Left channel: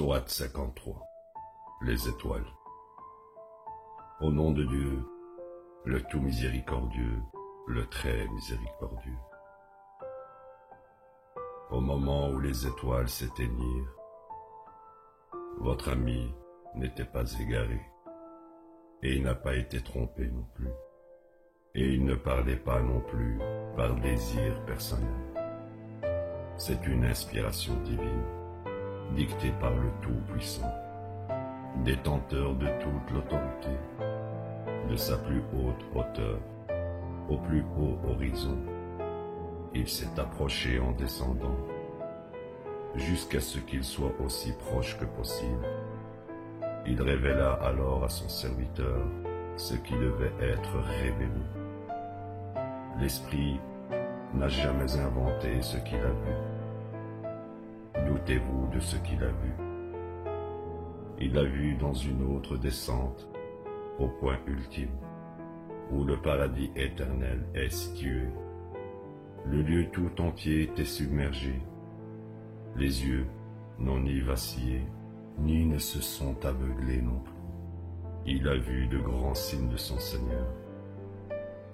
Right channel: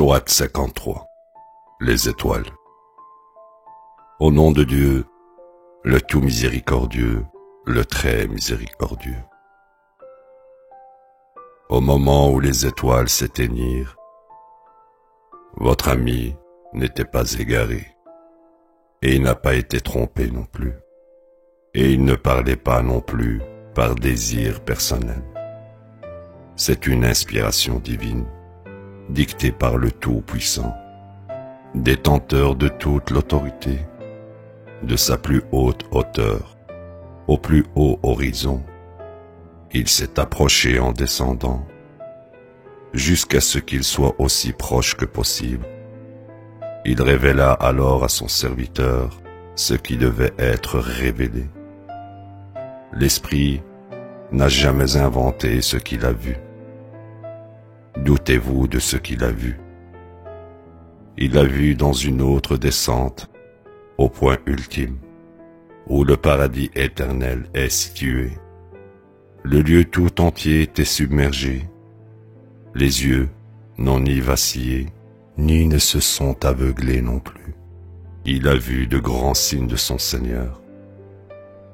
Sourate 53. Les étoiles. Au nom de Dieu, le tout miséricordieux, le très miséricordieux. Au moment où les étoiles s'éteignirent, votre ami n'était pas égaré, et il n'a pas été trompé non plus, et il ne parlait pas non plus par désir personnel. C'est une inspiration divine, dictée par le Tout-Puissant, détenteur de toute l'autorité, de sa plus haute hauteur, au plus haut horizon. Il s'est approché en descendant, jusqu'à ce qu'il soit aussi proche que possible. Il révéla alors à son serviteur ce qui devait être révélé. L'Esprit n'a jamais inventé ce qu'il a vu. Doutez-vous de ce qu'il a vu. Il l'a vu dans une autre descente, au point ultime, où le paradis éternel est situé. Le lieu tout entier était submergé. Les yeux n'ont ni vacillé, ni ne se sont aveuglés non plus. Il a vu de grands signes de son Seigneur.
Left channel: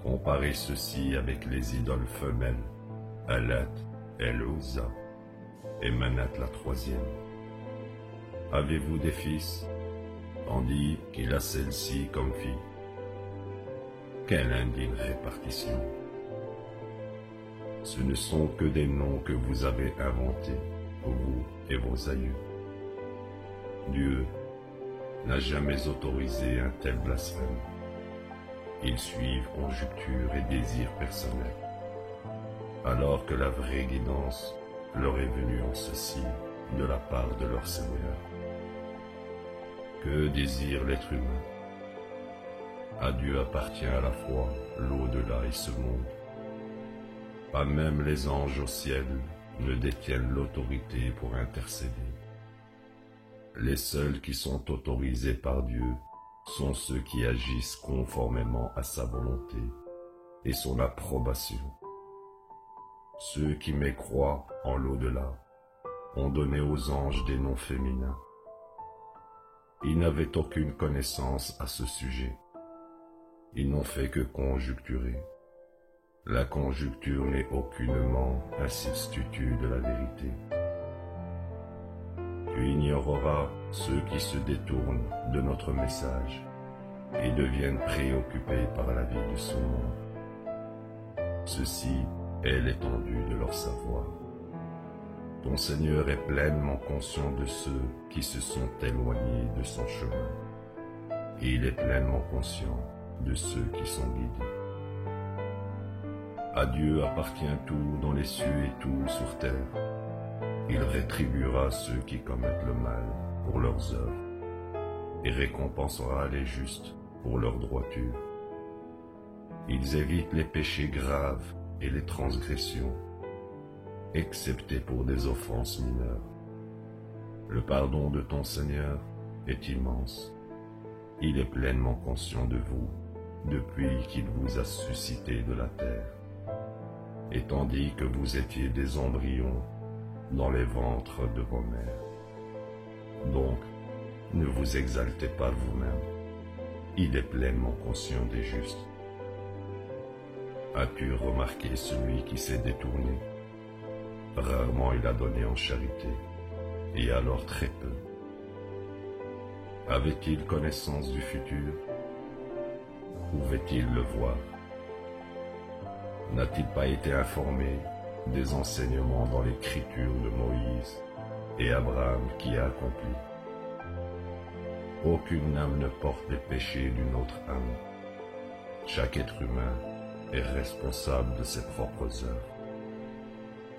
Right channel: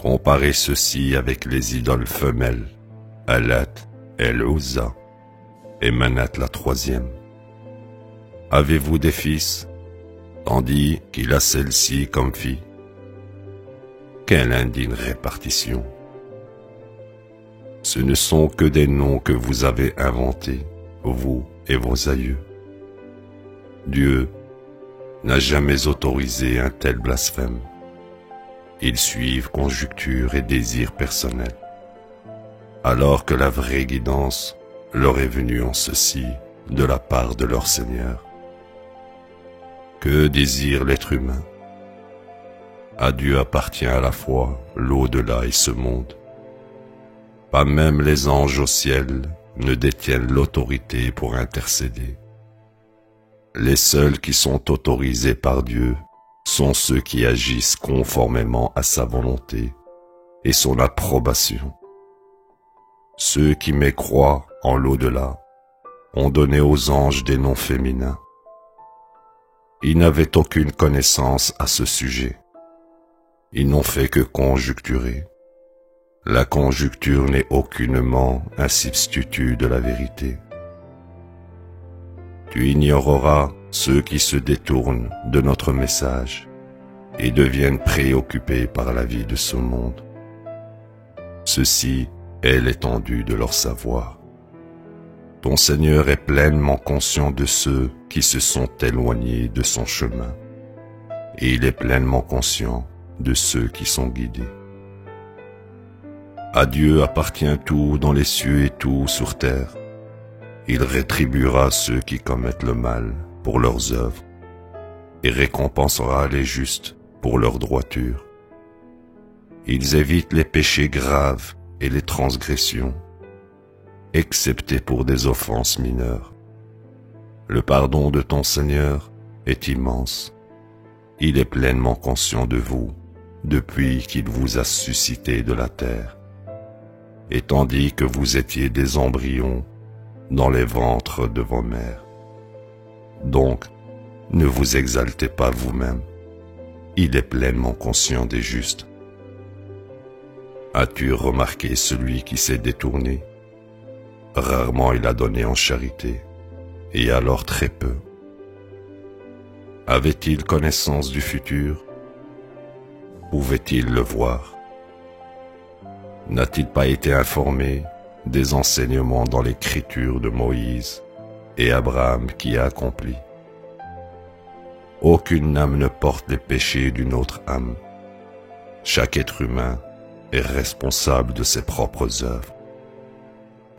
Comparez ceci avec les idoles femelles, Alat, El-Uzza et Manat la troisième. Avez-vous des fils, tandis qu'il a celle-ci comme fille? Quelle indigne répartition! Ce ne sont que des noms que vous avez inventés, vous et vos aïeux. Dieu n'a jamais autorisé un tel blasphème. Ils suivent conjecture et désir personnel, alors que la vraie guidance leur est venue en ceci de la part de leur Seigneur. Que désire l'être humain? À Dieu appartient à la fois l'au-delà et ce monde. Pas même les anges au ciel ne détiennent l'autorité pour intercéder. Les seuls qui sont autorisés par Dieu sont ceux qui agissent conformément à sa volonté et son approbation. Ceux qui mécroient en l'au-delà ont donné aux anges des noms féminins. Ils n'avaient aucune connaissance à ce sujet. Ils n'ont fait que conjecturer. La conjecture n'est aucunement un substitut de la vérité. Tu ignoreras ceux qui se détournent de notre message et deviennent préoccupés par la vie de ce monde. Ceci est l'étendue de leur savoir. Ton Seigneur est pleinement conscient de ceux qui se sont éloignés de son chemin, et il est pleinement conscient de ceux qui sont guidés. À Dieu appartient tout dans les cieux et tout sur terre. Il rétribuera ceux qui commettent le mal pour leurs œuvres et récompensera les justes pour leur droiture. Ils évitent les péchés graves et les transgressions, excepté pour des offenses mineures. Le pardon de ton Seigneur est immense. Il est pleinement conscient de vous depuis qu'il vous a suscité de la terre, et tandis que vous étiez des embryons dans les ventres de vos mères. Donc, ne vous exaltez pas vous-même. Il est pleinement conscient des justes. As-tu remarqué celui qui s'est détourné? Rarement il a donné en charité, et alors très peu. Avait-il connaissance du futur? Pouvait-il le voir? N'a-t-il pas été informé des enseignements dans l'écriture de Moïse et Abraham qui a accompli? Aucune âme ne porte les péchés d'une autre âme. Chaque être humain est responsable de ses propres œuvres,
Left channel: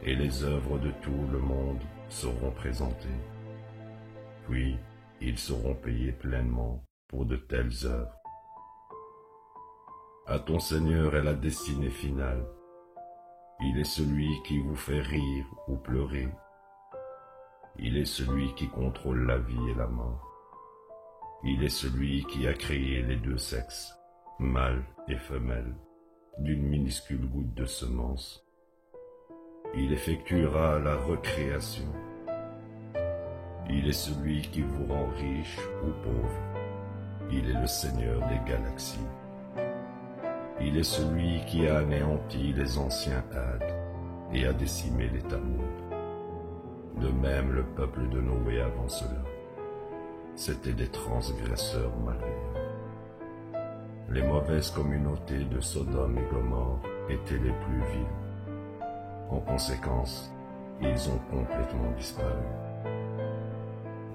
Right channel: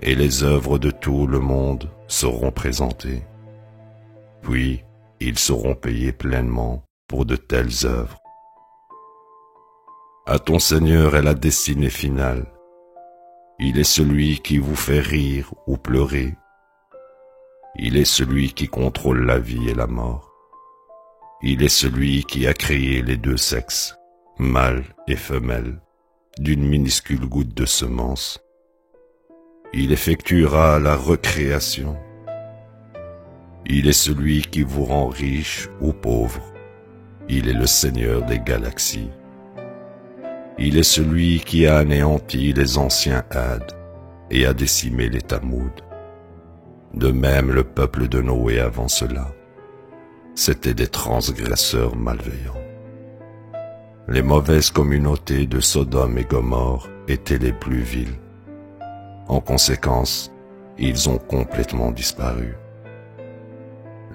et les œuvres de tout le monde seront présentées. Puis, ils seront payés pleinement pour de telles œuvres. À ton Seigneur est la destinée finale. Il est celui qui vous fait rire ou pleurer. Il est celui qui contrôle la vie et la mort. Il est celui qui a créé les deux sexes, mâle et femelle, d'une minuscule goutte de semence. Il effectuera la recréation. Il est celui qui vous rend riche ou pauvre. Il est le Seigneur des galaxies. Il est celui qui a anéanti les anciens Hades et a décimé les Tammud. De même le peuple de Noé avant cela, c'étaient des transgresseurs malveillants. Les mauvaises communautés de Sodome et Gomorrhe étaient les plus viles. En conséquence, ils ont complètement disparu.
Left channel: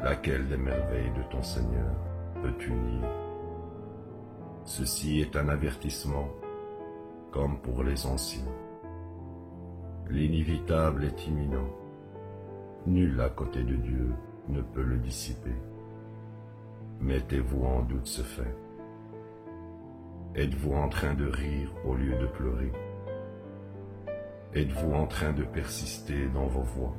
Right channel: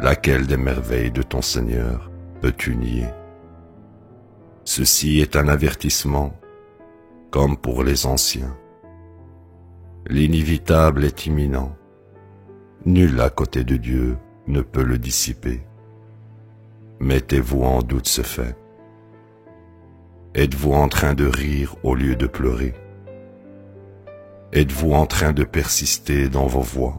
Laquelle des merveilles de ton Seigneur peux-tu nier? Ceci est un avertissement, comme pour les anciens. L'inévitable est imminent. Nul à côté de Dieu ne peut le dissiper. Mettez-vous en doute ce fait. Êtes-vous en train de rire au lieu de pleurer? Êtes-vous en train de persister dans vos voies?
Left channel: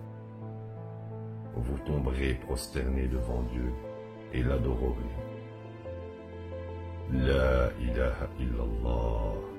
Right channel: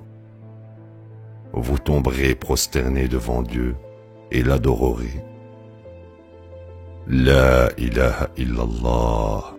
Vous tomberez prosterné devant Dieu et l'adorerez. La ilaha illallah.